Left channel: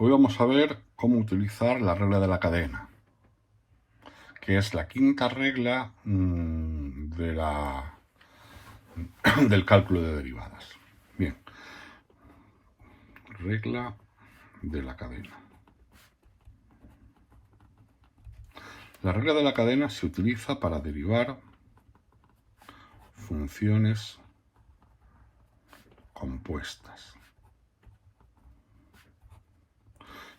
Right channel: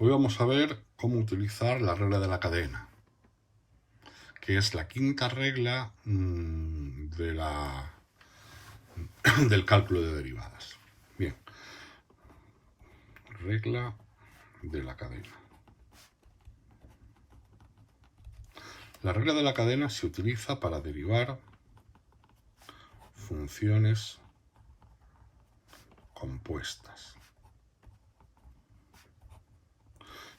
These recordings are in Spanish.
Hoy vamos a ver cómo utilizar la regla de la cadena, que es la quinta regla del cálculo de derivadas. Bien, regla de la cadena. La regla de la cadena se utiliza para derivar funciones compuestas.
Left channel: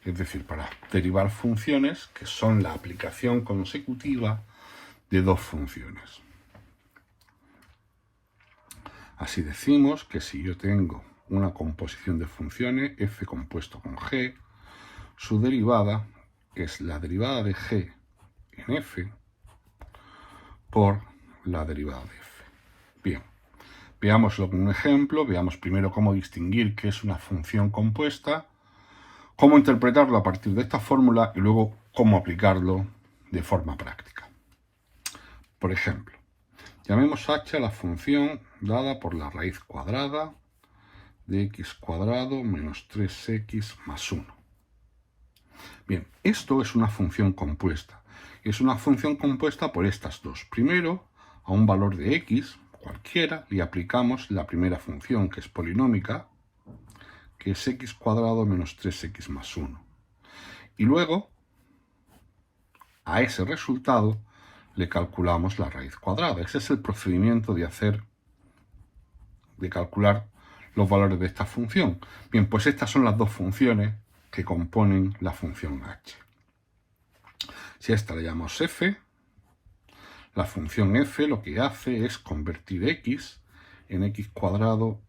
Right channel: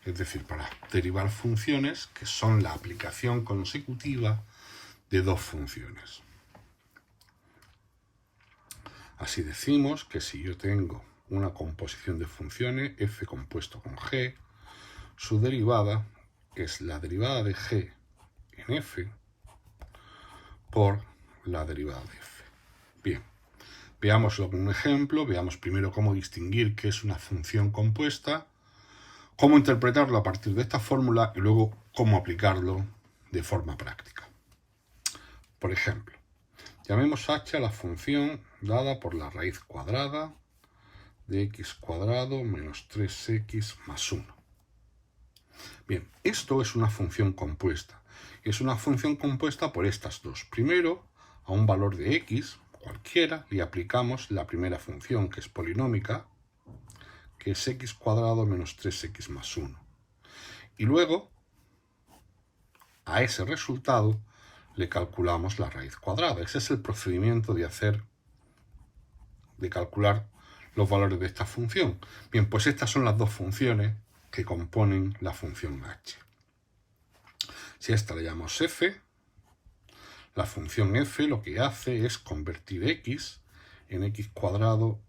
Es decir, para derivar funciones que son la aplicación consecutiva de dos funciones. Así decimos que si yo tengo una composición de funciones f compuesto con g, su derivada es la derivada de g en f por la derivada de f. Bien, veámoslo con un ejemplo. Veamos primero cómo distinguir qué es una función compuesta, cómo interpretarlo a partir de esta fórmula y luego cómo aplicarlo de forma práctica. Por ejemplo, llamemos h a la función dada por la raíz cuadrada de x cuadrado menos 3x más 1. Bien, esto es una función compuesta. Es una función compuesta por estas dos. Primero, a un valor de x, cualquiera, le aplicamos la primera función, que es polinómica, que es x cuadrado menos 3x más 1. Y luego, a ese resultado, le calculamos la raíz cuadrada. Ese es el procedimiento de calcular los valores de esta función. Bien, pues estas son las dos funciones que componen la función h. Si a esta le llamamos f, la función f lo que hace es convertir x en x cuadrado,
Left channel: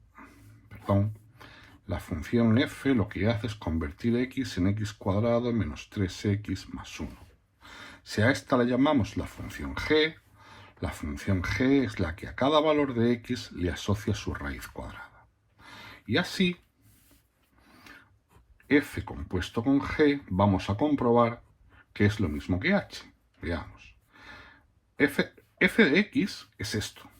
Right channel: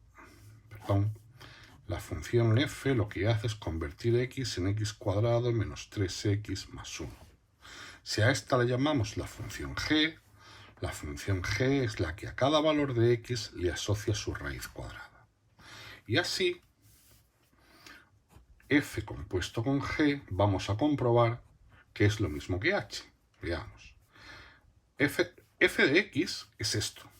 la función f lo que hace es convertir x en x cuadrado menos 3x más 1. Si a esta le llamamos la función g es la que a cada valor de x le asocia su raíz cuadrada. Y así, f compuesto con g, vamos a comprobar que es lo mismo que h. Veamos. f de x es esto.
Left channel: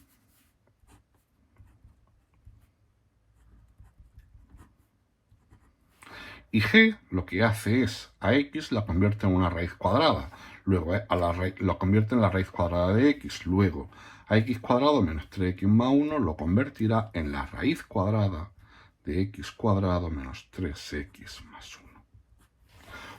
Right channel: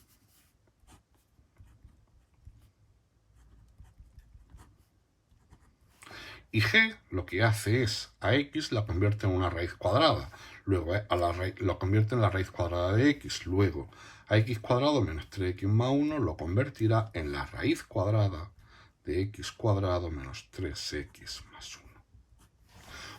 Y g lo que hace es a x la convierte en una raíz cuadrada. Luego lo convierte en la raíz cuadrada de x. Luego a x cuadrado menos 3x más 1 lo convertirá en la raíz cuadrada de x cuadrado menos 3x más 1.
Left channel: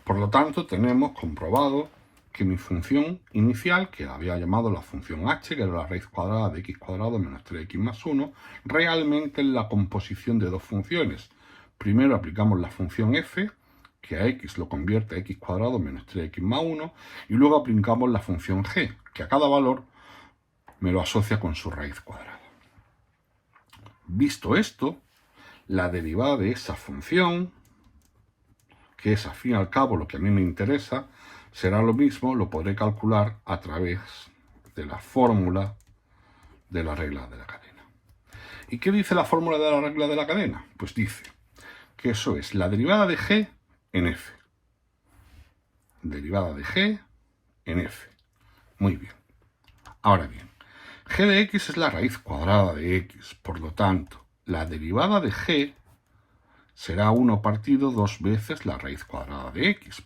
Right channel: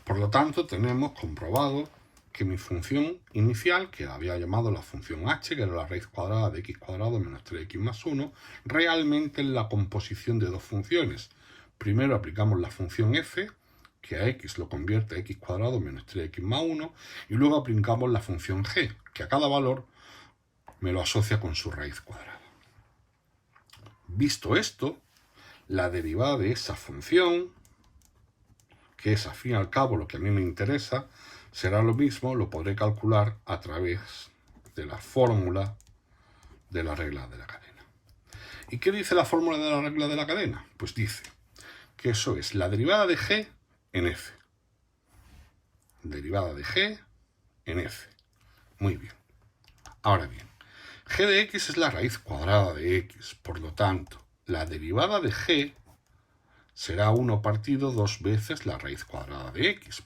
Por lo tanto, tenemos comprobado que mi función inicial, que la había llamado la función h, que era la raíz cuadrada de x cuadrado menos 3x más 1, realmente es la composición de dos funciones. Primero aplicamos la función f, que a x lo convierte a x cuadrado menos 3x más 1, y luego aplicamos la función g, que a cada valor me lo asocia con su raíz cuadrada. Visto esto, la derivada de esa función, que es al fin y al cabo lo que a mí me interesa, será lo mismo, lo podré calcular a través de la fórmula de la regla de la cadena. ¿Y qué dice la fórmula de la regla de la cadena? Pues dice que eso es la derivada de g en f. Derivada de g en f. Muy bien. Ahora bien, g de x es la raíz cuadrada de x. Por lo tanto, la derivada de g será 1 partido 2 veces la raíz cuadrada de x,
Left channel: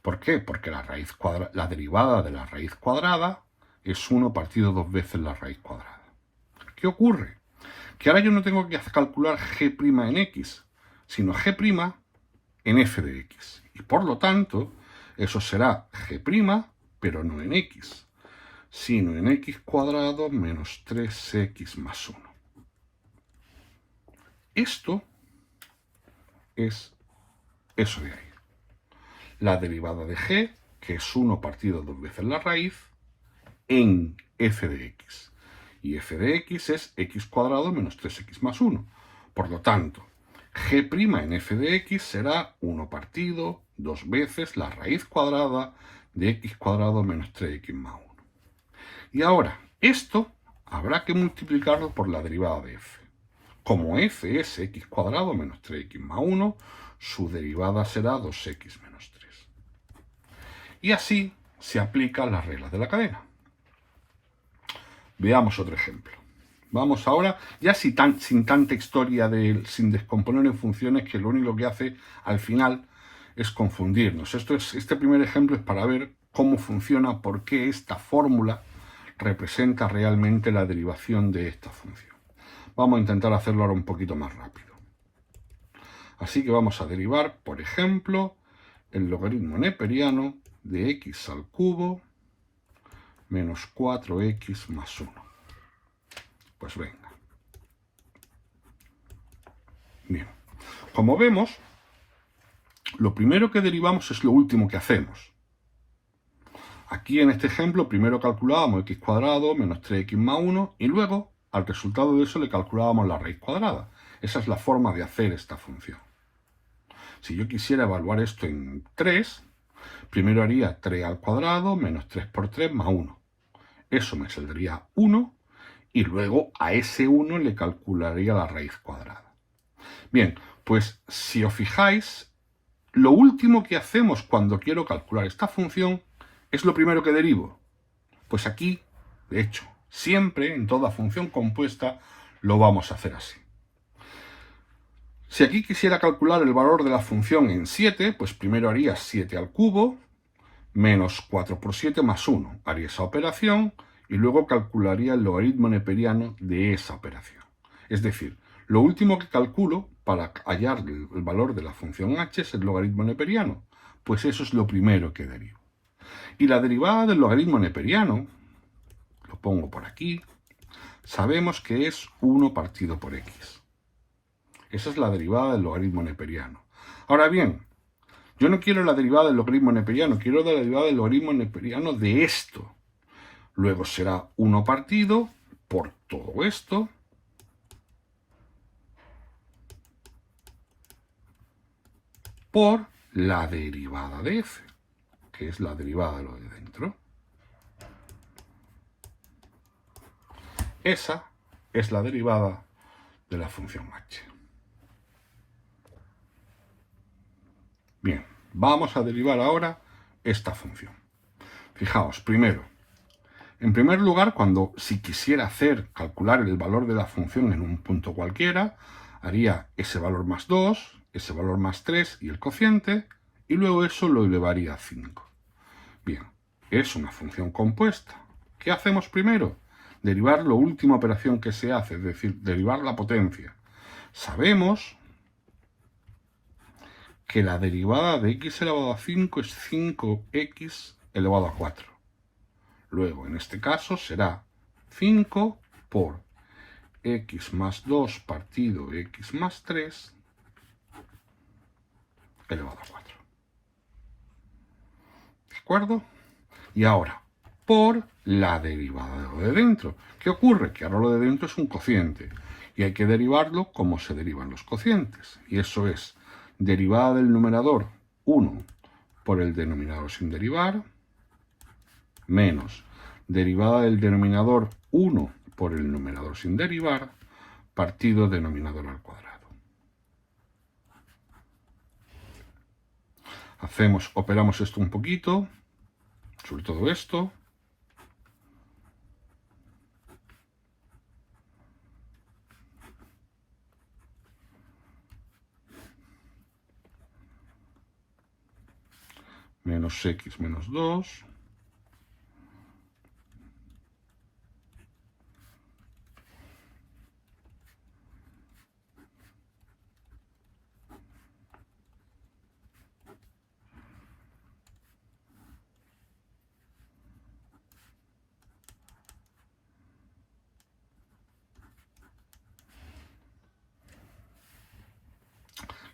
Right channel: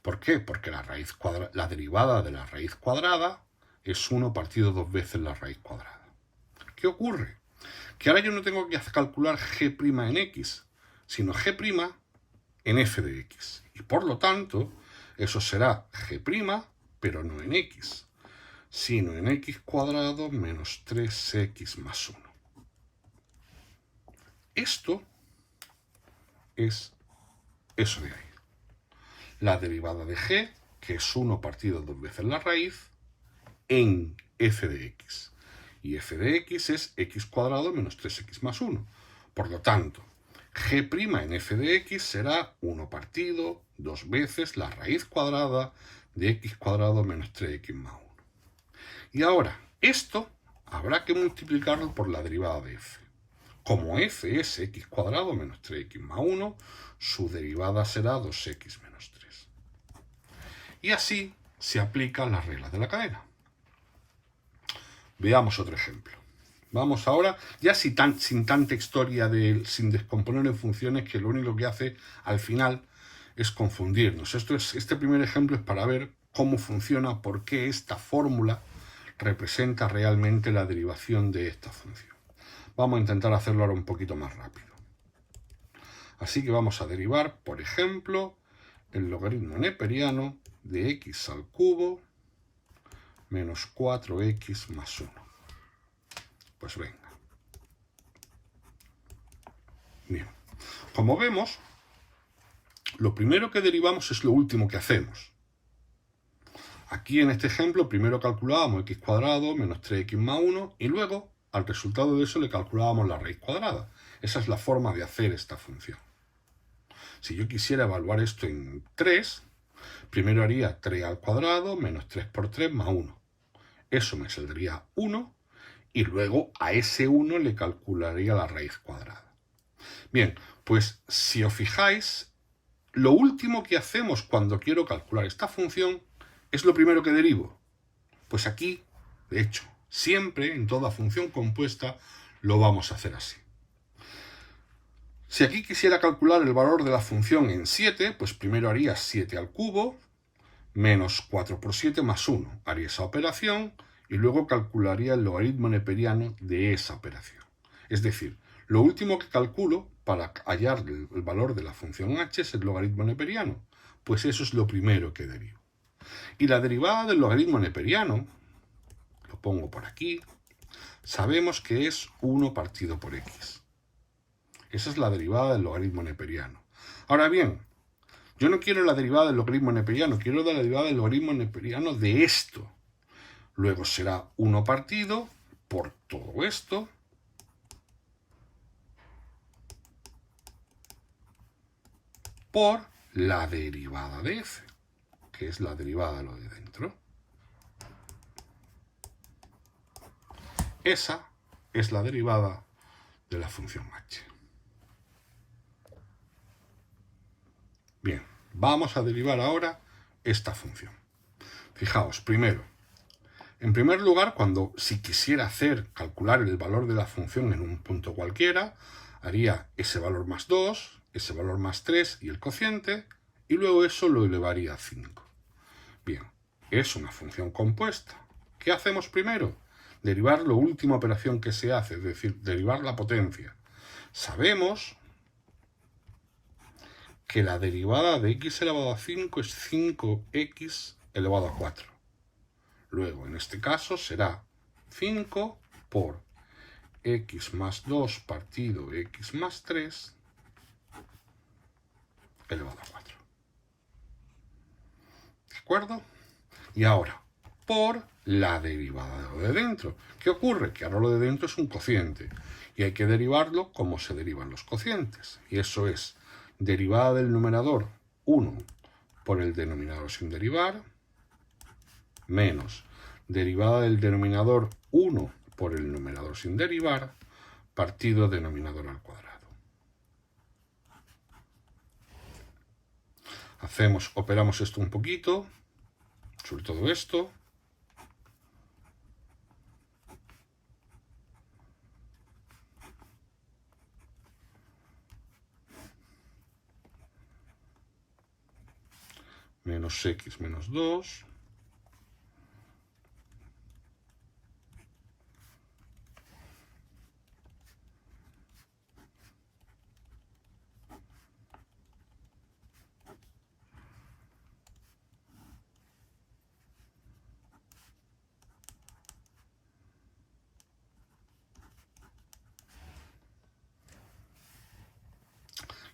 ¿Por qué? Porque la derivada de la raíz cuadrada es 1 partido 2 veces la raíz cuadrada. ¿Qué ocurre? Que ahora yo no tengo que calcular g' en x, sino g' en f de x. Y por lo tanto, eso será g', pero no en x, sino en x cuadrado menos 3x más 1. Esto es eso de ahí. La derivada de g, que es 1 partido 2 veces la raíz, en f de x. Y f de x es x cuadrado menos 3x más 1. Por lo tanto, g' en f de x será 1 partido 2 veces la raíz cuadrada de x cuadrado menos 3x más 1. Y ahora, esto habrá que multiplicarlo por la derivada de f. Como f es x cuadrado menos 3x más 1, su derivada será 2x menos 3. Y así se aplican las reglas de la cadena. Veamos otro ejemplo. Vamos ahora, ya sin tanta historia sin descomponer en funciones, que lo único que hace al final es confundirnos. Este primer ejemplo es para ver cómo funciona, por qué esta fórmula representa realmente la derivación de esta función. Vamos a intentar hacerlo ahora un poquito más rápido. Así que vamos a derivar, por ejemplo, el logaritmo neperiano de x al cubo menos 4x más 1. Pues venga. Bien. Como vemos, lo primero que derivamos es lo último que hacemos. Aquí en este ejemplo primero calculábamos x cuadrado menos 3x más 1 y luego al resultado de eso le calculábamos la raíz cuadrada. Esa es la forma de hacer esta función. Si yo quisiera evaluar esto en 3, primero haría 3 al cuadrado menos 3 por 3 más 1. Eso me saldría 1 y luego a ese 1 le calcularía la raíz cuadrada. Bien, pues si os fijáis, lo último que hacemos cuando quiero calcular esta función es lo primero que derivo. Pues aquí, de hecho, siempre en toda función compuesta lo vamos a hacer así. Si aquí quisiera calcular el valor de la función en 7, pues primero haría 7 al cubo menos 4 por 7 más 1. Haría esa operación y luego calcularía el logaritmo neperiano de esa operación. Es decir, lo último que calculo para hallar el valor de la función h es el logaritmo neperiano. Pues eso es lo primero que derivo. Y la derivada del logaritmo neperiano, lo pongo por aquí, sabemos que es 1 partido por x. Esa es la derivada del logaritmo neperiano. Ahora bien, yo no quiero la derivada del logaritmo neperiano, quiero la derivada del logaritmo neperiano de esto. Luego será 1 partido por todo esto por la derivada de f, que es la derivada de lo de dentro. Esa es la derivada de la función h. Bien, vamos a derivar ahora esta función. Fijaos, en primer lugar, si quisiera calcular el valor de la función en un punto cualquiera, haría ese valor más 2, ese valor más 3 y el cociente, y luego eso lo elevaría a 5. Bien, es una función compuesta. ¿Qué hacemos primero? Derivar la última operación que se hace, es decir, derivar la potencia. Sabemos que la derivada de x elevado a 5 es 5x elevado a 4. Luego, en este caso, será 5 por x más 2 partido x más 3 elevado a 4. ¿De acuerdo? Y ahora, por la derivada de lo de dentro. ¿Qué ocurre? Que ahora lo de dentro es un cociente y hay que derivarlo como se derivan los cocientes. Y eso es derivada del numerador 1 por el denominador sin derivar, menos derivada del denominador 1 por el numerador sin derivar, partido denominador al cuadrado. Operamos esto un poquito, sobre todo esto. Menos x menos 2.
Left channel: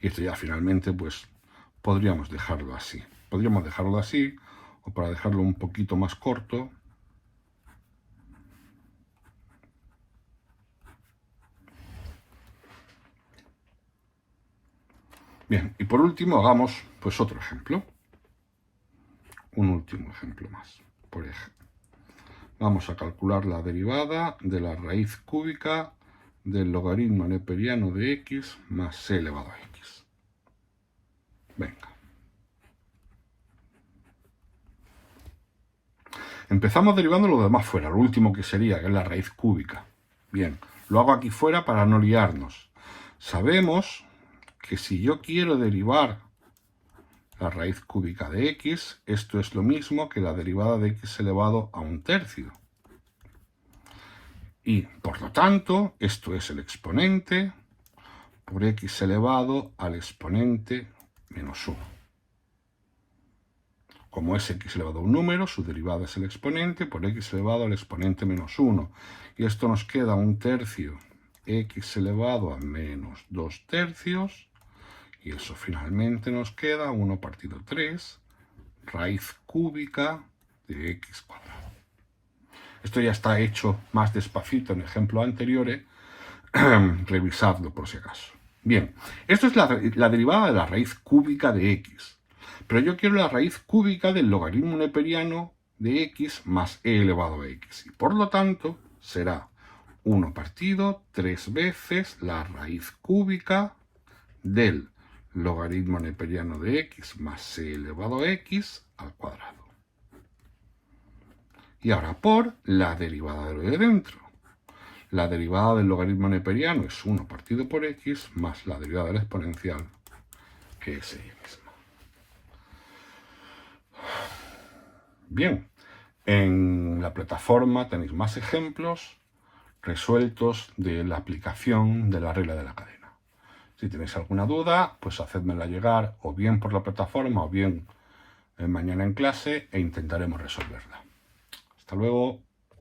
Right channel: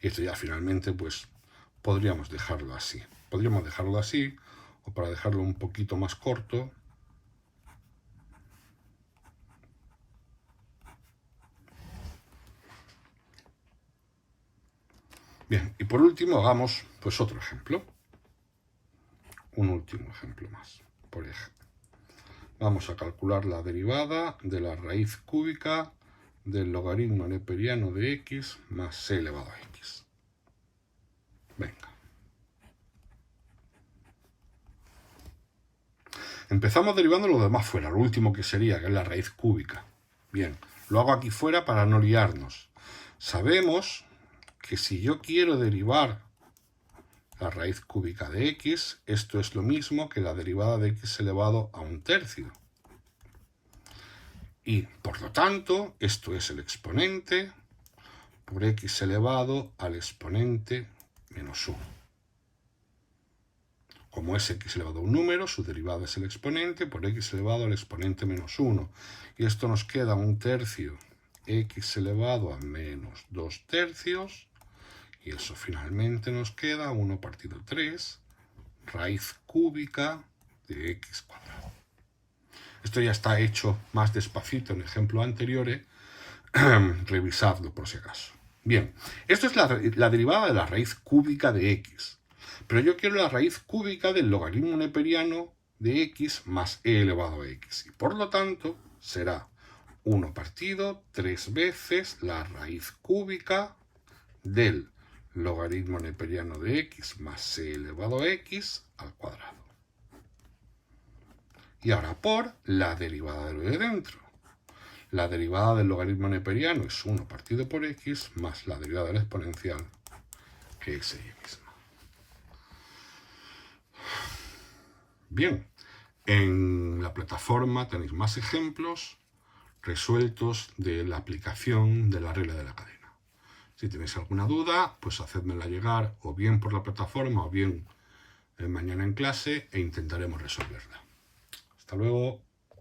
Y esto ya finalmente, pues, podríamos dejarlo así. Podríamos dejarlo así, o para dejarlo un poquito más corto, bien, y por último hagamos pues otro ejemplo. Un último ejemplo más. Por ejemplo, vamos a calcular la derivada de la raíz cúbica del logaritmo neperiano de x más c elevado a x. Venga. Empezamos derivando lo demás fuera, lo último que sería, que es la raíz cúbica. Bien, lo hago aquí fuera para no liarnos. Sabemos que si yo quiero derivar la raíz cúbica de x, esto es lo mismo que la derivada de x elevado a un tercio. Y, por lo tanto, esto es el exponente por x elevado al exponente menos 1. Como es x elevado a un número, su derivada es el exponente por x elevado al exponente menos 1. Y esto nos queda un tercio x elevado a menos 2 tercios. Y eso finalmente nos queda 1 partido 3 raíz cúbica de x cuadrado. Esto ya está hecho más despacito en ejemplos anteriores. Revisadlo por si acaso. Bien, esto es la derivada de la raíz cúbica de x. Pero yo quiero la raíz cúbica del logaritmo neperiano de x más e elevado a x. Y por lo tanto será 1 partido 3 veces la raíz cúbica del logaritmo neperiano de x más e elevado a x al cuadrado. Y ahora por la derivada de lo de dentro. La derivada del logaritmo neperiano es 1 partido por x más la derivada del exponencial, que es ella misma. Bien, en la plataforma tenéis más ejemplos resueltos de la aplicación de la regla de la cadena. Si tenéis alguna duda, pues hacedmela llegar o bien por la plataforma o bien mañana en clase e intentaremos resolverla. Hasta luego.